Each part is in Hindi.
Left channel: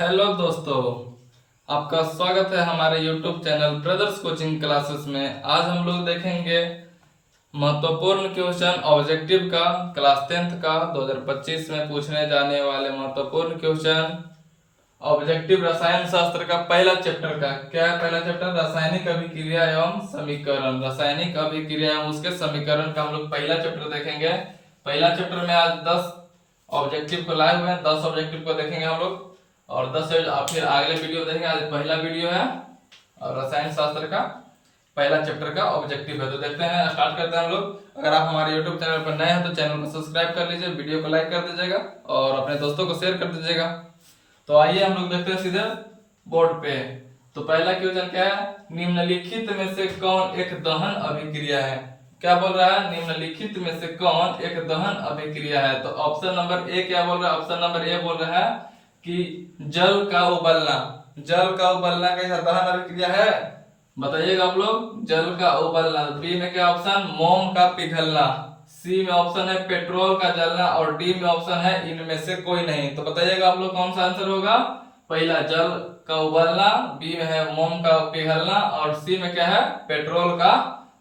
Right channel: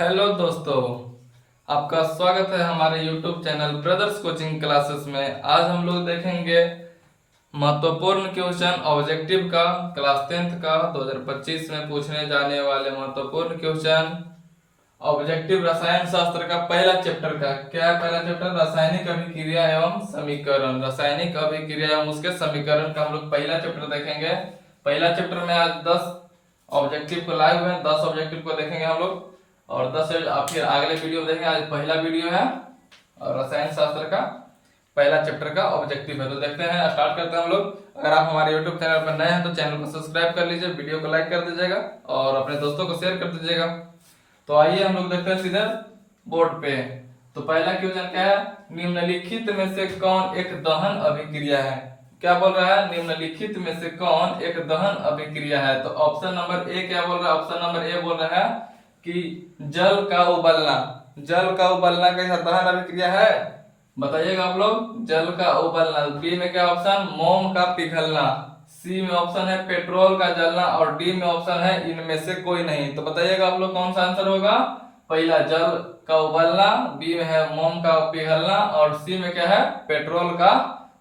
हेलो दोस्तों, आपका स्वागत है हमारे YouTube channel brothers coaching classes में। आज हम लोग देखेंगे महत्वपूर्ण क्वेश्चन ऑब्जेक्टिव का, क्लास 10th का 2025 में पूछने जाने वाले महत्वपूर्ण क्वेश्चन ऑब्जेक्टिव रसायन शास्त्र का पहला चैप्टर का। क्या है पहला चैप्टर? रासायनिक अभिक्रिया एवं समीकरण। रासायनिक अभिक्रिया एवं उसके समीकरण का हम लोग पहला चैप्टर देखेंगे। पहला चैप्टर में आज 10 ऑब्जेक्टिव को लाए हुए हैं, 10 ऑब्जेक्टिव को देखेंगे हम लोग और 10 फिर अगले वीडियो में देखेंगे। आज पहला वीडियो है और रसायन शास्त्र का पहला चैप्टर का ऑब्जेक्टिव है। तो देखते हैं, स्टार्ट करते हैं हम लोग। अगर आप हमारे यूट्यूब चैनल पर नए हैं तो चैनल को सब्सक्राइब कर लीजिए, वीडियो को लाइक कर दीजिएगा और अपने दोस्तों को शेयर कर दीजिएगा। तो आइए हम लोग देखते हैं सीधे बोर्ड पे। तो पहला क्वेश्चन क्या है? निम्नलिखित में से कौन एक दहन अभिक्रिया है? क्या बोल रहा है? निम्नलिखित में से कौन एक दहन अभिक्रिया है? तो ऑप्शन नंबर ए क्या बोल रहा है? ऑप्शन नंबर ए बोल रहा है कि जल का उबलना। जल का उबलना कैसा दहन अभिक्रिया है? बताइएगा आप लोग। जल का उबलना। बी में क्या ऑप्शन? मोम का पिघलना। सी में ऑप्शन है पेट्रोल का जलना और डी में ऑप्शन है इनमें से कोई नहीं। तो बताइएगा आप लोग कौन सा आंसर होगा? पहला जल का उबलना, बी में है मोम का पिघलना और सी में क्या है? पेट्रोल का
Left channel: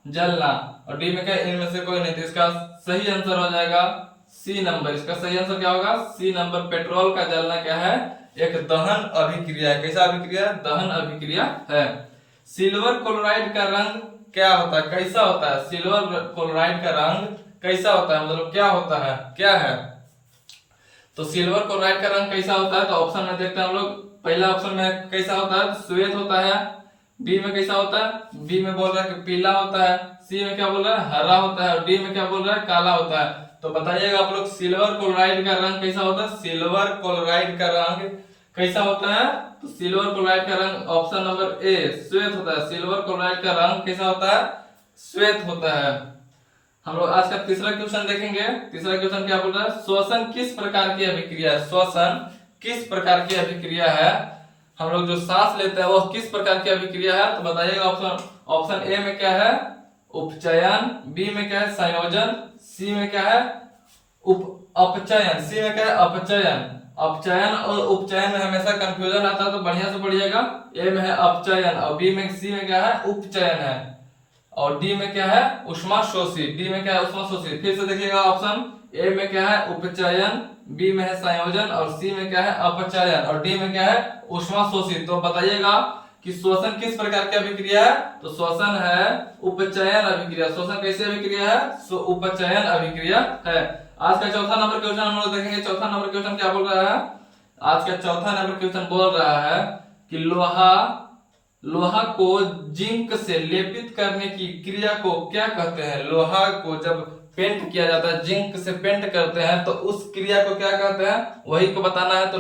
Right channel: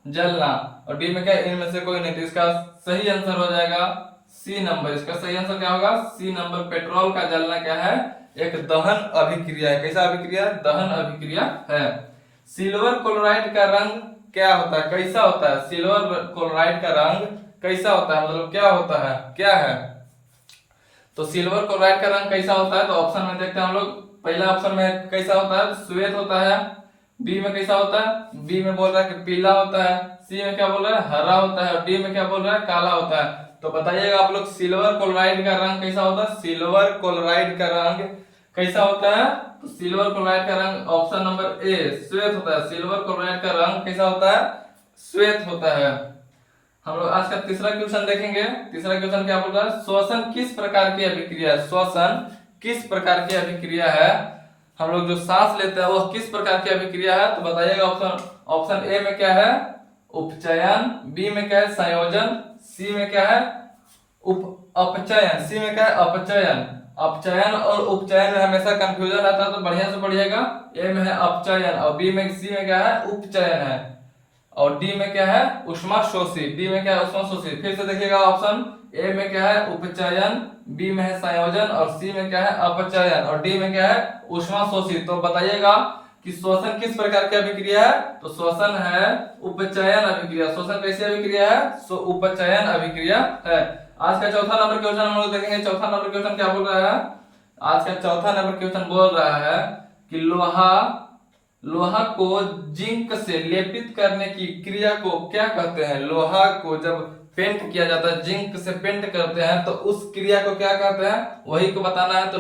जलना और डी में क्या है? इनमें से कोई नहीं। तो इसका सही आंसर हो जाएगा सी नंबर। इसका सही आंसर क्या होगा? सी नंबर। पेट्रोल का जलना क्या है? एक दहन अभिक्रिया है। कैसा अभिक्रिया? दहन अभिक्रिया है। सिल्वर क्लोराइड का रंग क्या होता है? कैसा होता है? सिल्वर क्लोराइड का रंग कैसा होता है? मतलब क्या होता है? क्या है? तो सिल्वर क्लोराइड का रंग कैसा होता है? तो ऑप्शन में देखते हैं हम लोग। पहला ऑप्शन में कैसा होता है? श्वेत होता है। बी में कैसा होता है? बी में बोल रहा है कि पीला होता है। सी में क्या बोल रहा है? हरा होता है और डी में क्या बोल रहा है? काला होता है। तो बताइएगा आप लोग सिल्वर क्लोराइड का रंग कैसा होता है? सिल्वर क्लोराइड का रंग कैसा होता है? तो सिल्वर क्लोराइड का रंग ऑप्शन नंबर ए श्वेत होता है। सिल्वर क्लोराइड का रंग कैसा होता है? श्वेत होता है। हम लोग आज का तीसरा क्वेश्चन देखेंगे। तीसरा क्वेश्चन क्या बोल रहा है? श्वसन किस प्रकार की अभिक्रिया है? श्वसन किस प्रकार की अभिक्रिया है? हम लोग जो सांस लेते हैं वो किस प्रकार की अभिक्रिया है? तो बताइएगा। ऑप्शन ऑप्शन ए में क्या है? उपचयन। बी में क्या है? संयोजन। सी में क्या है? अपचयन। सी में क्या है? अपचयन। अपचयन और उपचयन में हमेशा कंफ्यूजन रहता है, तो बढ़िया से पढ़िएगा। ए में है अपचयन और बी में सी में क्या है? उपचयन है और डी में क्या है? ऊष्माशोषी। डी में क्या है? ऊष्माशोषी। फिर से देखिएगा ऑप्शन। ए में क्या है? उपचयन, बी में है संयोजन और सी में क्या है? अपचयन और डी में क्या है? ऊष्माशोषी। तो बताइएगा कि श्वसन किस प्रकार की अभिक्रिया है? तो श्वसन है उपचयन अभिक्रिया। श्वसन कैसी अभिक्रिया है? उपचयन अभिक्रिया है। आज का चौथा नंबर क्वेश्चन हम लोग देखेंगे। चौथा नंबर क्वेश्चन क्या बोल रहा है? आज का चौथा नंबर क्वेश्चन बोल रहा है कि लोहा को जिंक से लेपित करने की क्रिया को क्या कहते हैं? लोहा को जब पेंट किया जाता है, जिंक से पेंट करते हैं, तो उस क्रिया को क्या कहते हैं? वही को बताना है। तो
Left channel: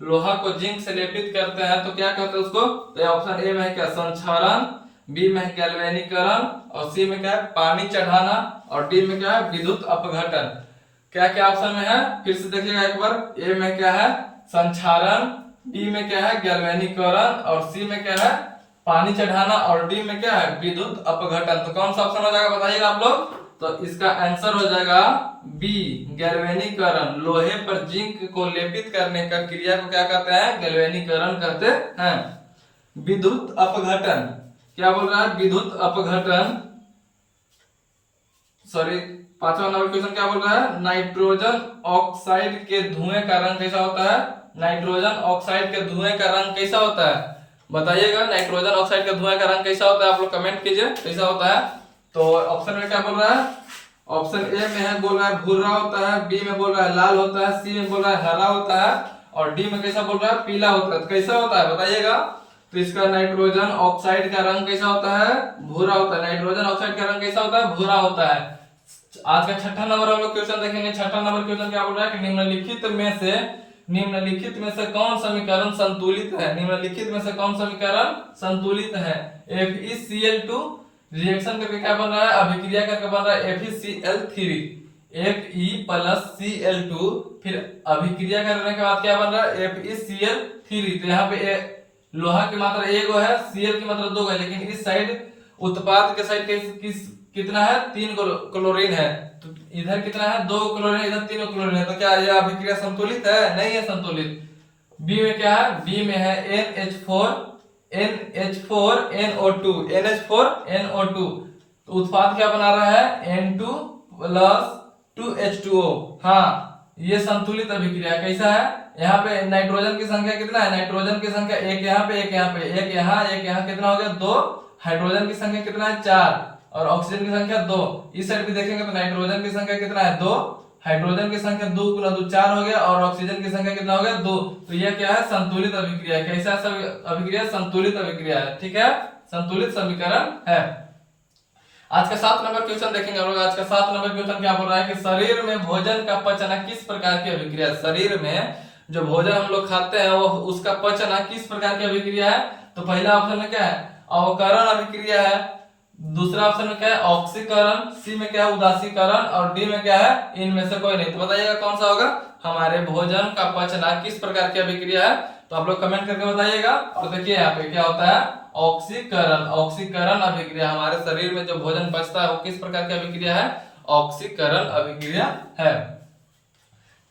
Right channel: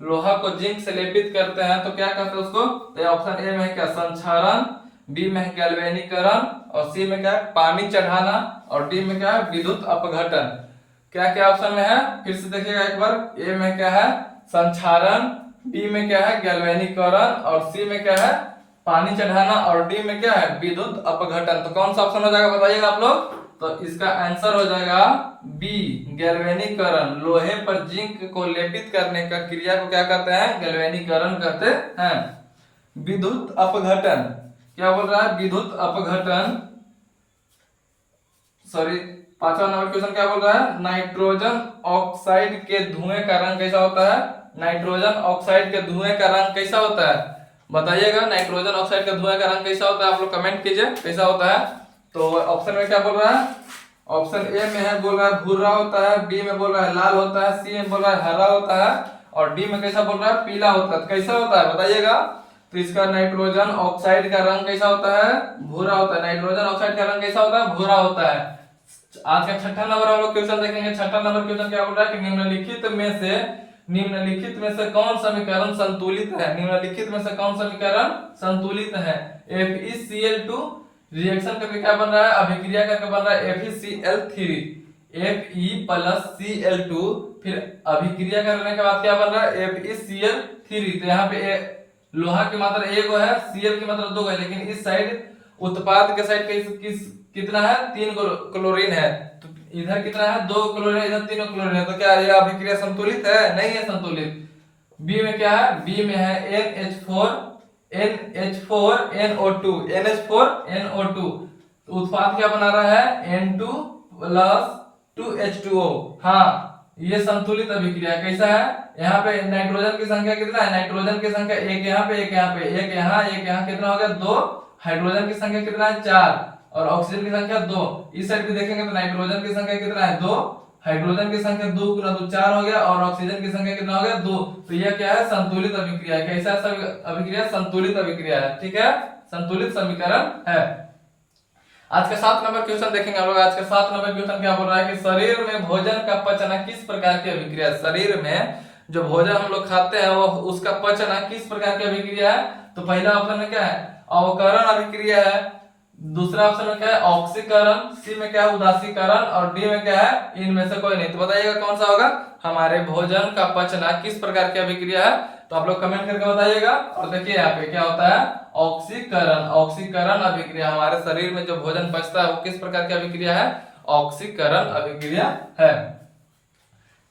लोहा को जिंक से लेपित करते हैं तो क्या कहते हैं उसको? तो ऑप्शन ए में है क्या? संक्षारण। बी में है गैल्वेनीकरण और सी में क्या है? पानी चढ़ाना और डी में क्या है? विद्युत अपघटन। क्या क्या ऑप्शन में है? फिर से देखिएगा एक बार। ए में क्या है? संक्षारण, बी में क्या है? गैल्वेनीकरण और सी में क्या है? पानी चढ़ाना और डी में क्या है? विद्युत अपघटन। तो कौन सा ऑप्शन हो जाएगा बताइएगा आप लोग। तो इसका आंसर हो जाएगा बी गैल्वेनीकरण। लोहे पर जिंक को लेपित करने का क्रिया को क्या कहते हैं? गैल्वेनीकरण कहते हैं। विद्युत अपघटन क्या बोल रहा है? विद्युत अपघटन। सॉरी, पांचवा नंबर क्वेश्चन क्या बोल रहा है? नाइट्रोजन ऑक्साइड के धुएं का रंग कैसा होता है? नाइट्रोजन ऑक्साइड के धुएं का रंग कैसा होता है? बताइएगा। नाइट्रोजन ऑक्साइड के धुएं का रंग कैसा होता है? आप लोग कमेंट कीजिए कैसा होता है। तो ऑप्शन में क्या बोल रहा है? ऑप्शन ए में है बोल रहा है भूरा होता है, बी में बोल रहा है लाल होता है, सी में बोल रहा है हरा होता है और डी में कैसा बोल रहा है? पीला होता है। तो कैसा होता है बताइएगा। तो इसका नाइट्रोजन ऑक्साइड का रंग कैसा होता है? भूरा होता है। नाइट्रोजन ऑक्साइड का रंग कैसा होता है? भूरा होता है। आज का छठा नंबर हम लोग क्वेश्चन देखेंगे। छठा नंबर क्वेश्चन क्या बोल रहा है कि निम्नलिखित में से कौन समीकरण संतुलित है? निम्नलिखित में से कौन समीकरण संतुलित है? FeCl2 रिएक्शन करके क्या बन रहा है? अभिक्रिया करके बन रहा है FeCl3। Fe प्लस Cl2 फिर अभिक्रिया करने के बाद क्या बन रहा है? FeCl3। तो यहाँ पे लोहा की मात्रा एक है, Cl की मात्रा 2 है, लेकिन इस साइड उत्पाद के साइड कितना है? 3 क्लोरीन है। तो इधर कितना है? 2 क्लोरीन, इधर 3 क्लोरीन है। तो क्या यह अभिक्रिया संतुलित है? नहीं है संतुलित। बी में क्या है, बी में है NH4NO2 तो उत्पाद क्या बना रहा है, N2 प्लस 2H2O। हाँ, ये संतुलित अभिक्रिया कैसा है, यहाँ पे नाइट्रोजन की संख्या कितना है, नाइट्रोजन की संख्या एक यहाँ पे एक यहाँ पे एक यहाँ एक यहाँ, कितना हो गया 2। हाइड्रोजन की संख्या कितना है 4 और ऑक्सीजन की संख्या 2। इस साइड भी देखेंगे तो नाइट्रोजन की संख्या कितना है 2, हाइड्रोजन की संख्या 2 गुना 2 4 हो गया और ऑक्सीजन की संख्या कितना हो गया 2। तो यह क्या है, संतुलित अभिक्रिया है। कैसा अभिक्रिया, संतुलित अभिक्रिया है। ठीक है, संतुलित समीकरण है। आज का 7 नंबर क्वेश्चन देखेंगे हम लोग। आज का 7 नंबर क्वेश्चन क्या बोल रहा है कि शरीर में भोजन का पचना किस प्रकार की अभिक्रिया है। शरीर में जो भोजन हम लोग खाते हैं वो उसका पचना किस प्रकार की अभिक्रिया है। तो पहला ऑप्शन में क्या है, अवकरण अभिक्रिया है। दूसरा ऑप्शन में क्या है, ऑक्सीकरण। सी में क्या है, उदासीकरण। और डी में क्या है, इनमें से कोई नहीं। तो बताइएगा कौन सा होगा। हमारे भोजन का पचना किस प्रकार की अभिक्रिया है, तो आप लोग कमेंट करके बताइएगा। और देखिए यहाँ पे क्या होता है, ऑक्सीकरण। ऑक्सीकरण अभिक्रिया, हमारे शरीर में जो भोजन पचता है वो किस प्रकार की अभिक्रिया है, ऑक्सीकरण अभिक्रिया है।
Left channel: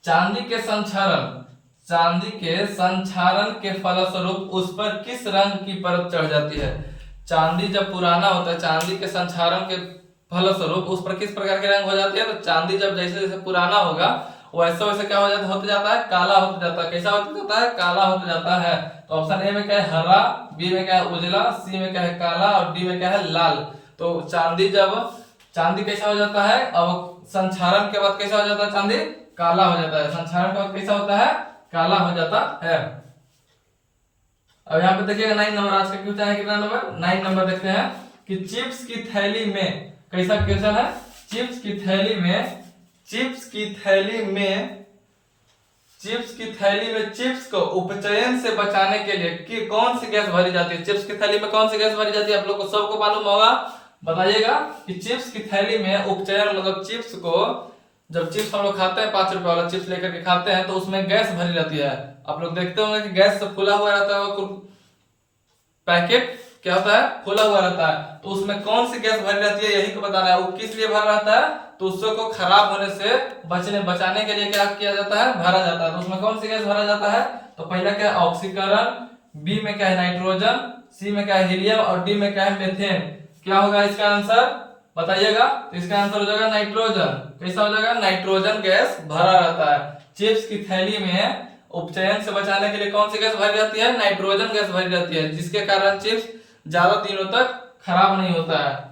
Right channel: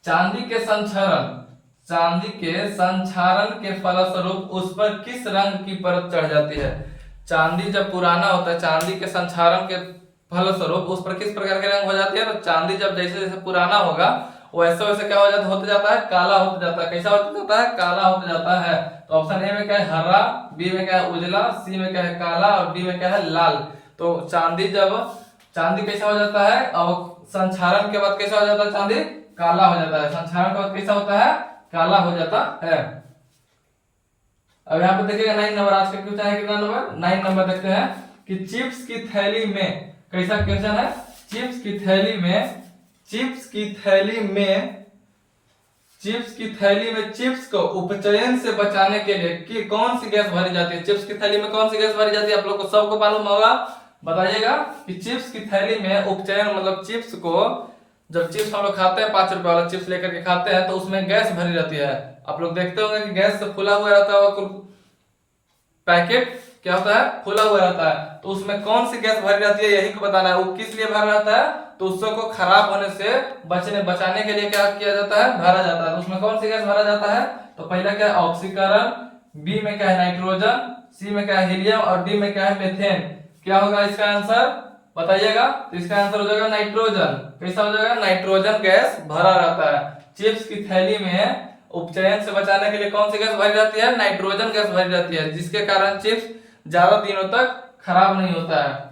चांदी के संक्षारण, चांदी के संक्षारण के फलस्वरूप उस पर किस रंग की परत चढ़ जाती है। चांदी जब पुराना होता है, चांदी के संक्षारण के फलस्वरूप उस पर किस प्रकार के रंग हो जाती है। तो चांदी जब जैसे जैसे पुराना होगा वैसे वैसे क्या हो जाता, होते जाता है, काला होते जाता है। कैसा होते जाता है, काला होते जाता है। तो ऑप्शन ए में क्या है, हरा। बी में क्या है, उजला। सी में क्या है, काला। और डी में क्या है, लाल। तो चांदी कैसा हो जाता है, अब संक्षारण के बाद कैसा हो जाता है, चांदी काला हो जाता है। संक्षारण के बाद कैसा होता है, काला हो जाता है। अब यहाँ पे देखिएगा 9 नंबर, आज का क्वेश्चन है कितना नंबर, 9 नंबर देखते हैं कि चिप्स की थैली में, कैसा क्वेश्चन है, चिप्स की थैली में चिप्स को उपचयन से बचाने के लिए कौन सी गैस भरी जाती है। चिप्स की थैली में कौन सी गैस भरी जाती है, आप लोग को सबको मालूम होगा। बताइएगा कि चिप्स की थैली में उपचयन मतलब चिप्स को, जब चिप्स हम लोग खाते हैं 5 रुपए वाला चिप्स लेकर के खाते हैं तो उसमें गैस भरी रहती है। आप लोग देखते होंगे कि गैस से फुला हुआ रहता है, पैकेट क्या होता है, फुला हुआ रहता है। तो उसमें कौन सी गैस भरी रहती है, यही को बताना है। वो किस लिए भरा रहता है, तो उसको खराब होने से बचाने के लिए क्या किया जाता है, भरा जाता है। तो उसमें कौन सी गैस भरा जाता है, तो पहला क्या है, ऑक्सीकरण। बी में क्या है, नाइट्रोजन। सी में क्या है, हीलियम। और डी में क्या है, मीथेन। क्या होगा इसका आंसर, बताइएगा। तो इसका आंसर हो जाएगा नाइट्रोजन। कैसा हो जाएगा, नाइट्रोजन गैस भरा रहता है। चिप्स की थैली में उपचयन से बचाने के लिए कौन सी गैस भरी रहती है, नाइट्रोजन गैस भरी रहती है, जिसके कारण चिप्स ज्यादा दिनों तक खराब नहीं होता है।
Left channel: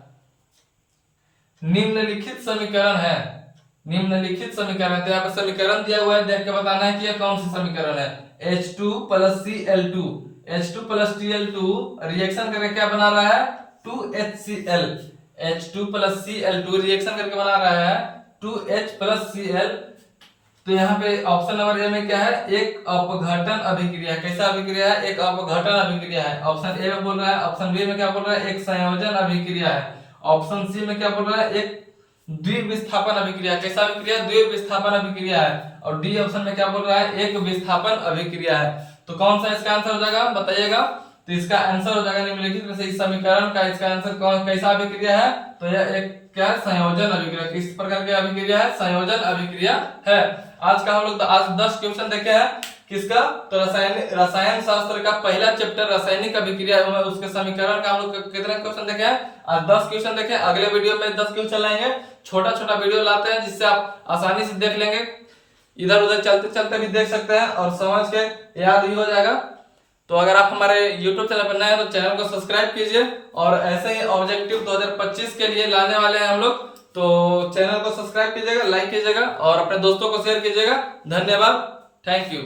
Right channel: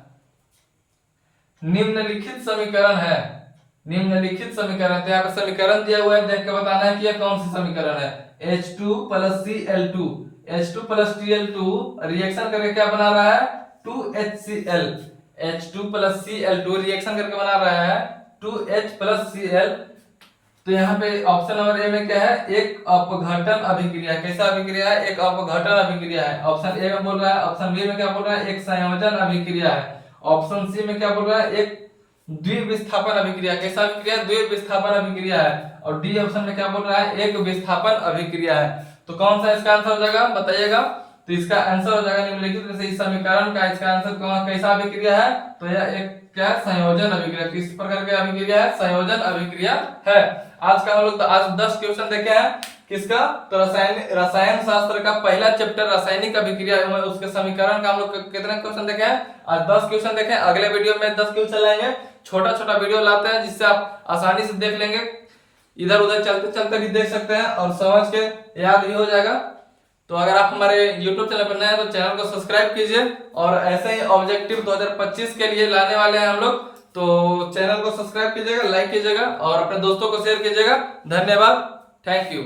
निम्नलिखित समीकरण है, निम्नलिखित समीकरण है। तो यहाँ पे समीकरण दिया हुआ है, देख के बताना है कि यह कौन सा समीकरण है। H2 plus Cl2, H2 plus Cl2 reaction करके क्या बना रहा है, 2HCl। H2 plus Cl2 reaction करके बना रहा है 2H प्लस Cl। तो यहाँ पे ऑप्शन नंबर ए में क्या है, एक अपघटन अभिक्रिया। कैसा अभिक्रिया है, एक अपघटन अभिक्रिया है। ऑप्शन ए में बोल रहा है। ऑप्शन बी में क्या बोल रहा है, एक संयोजन अभिक्रिया है। ऑप्शन सी में क्या बोल रहा है, एक द्विविस्थापन अभिक्रिया। कैसा अभिक्रिया, द्विविस्थापन अभिक्रिया है। और डी ऑप्शन में क्या बोल रहा है, एक विस्थापन अभिक्रिया है। तो कौन सा इसका आंसर हो जाएगा, बताइएगा। तो इसका आंसर हो जाएगा निम्नलिखित में से इस समीकरण का इसका आंसर कैसा अभिक्रिया है, तो यह एक क्या है, संयोजन अभिक्रिया। किस प्रकार की अभिक्रिया है, संयोजन अभिक्रिया है। आज का हम लोग आज 10 क्वेश्चन देखे हैं किसका, तो रसायन शास्त्र का पहला चैप्टर रासायनिक अभिक्रिया में उसके समीकरण का हम लोग कितने क्वेश्चन देखे हैं, आज 10 क्वेश्चन देखे हैं। अगले वीडियो में 10 क्वेश्चन लाएंगे, छोटा छोटा वीडियो लाते हैं जिससे आप आसानी से देख लेंगे, इधर उधर चलते चलते भी देख सकते हैं और समझ के याद भी हो जाएगा। तो अगर आप हमारे YouTube चैनल पर नए हैं तो चैनल को सब्सक्राइब कीजिए। और ऐसे ही ऑब्जेक्टिव 2025 के लिए लाने वाले हैं हम लोग, तो चैनल को सब्सक्राइब कीजिएगा, लाइक कीजिएगा और अपने दोस्तों को शेयर कीजिएगा। धन्यवाद, थैंक यू।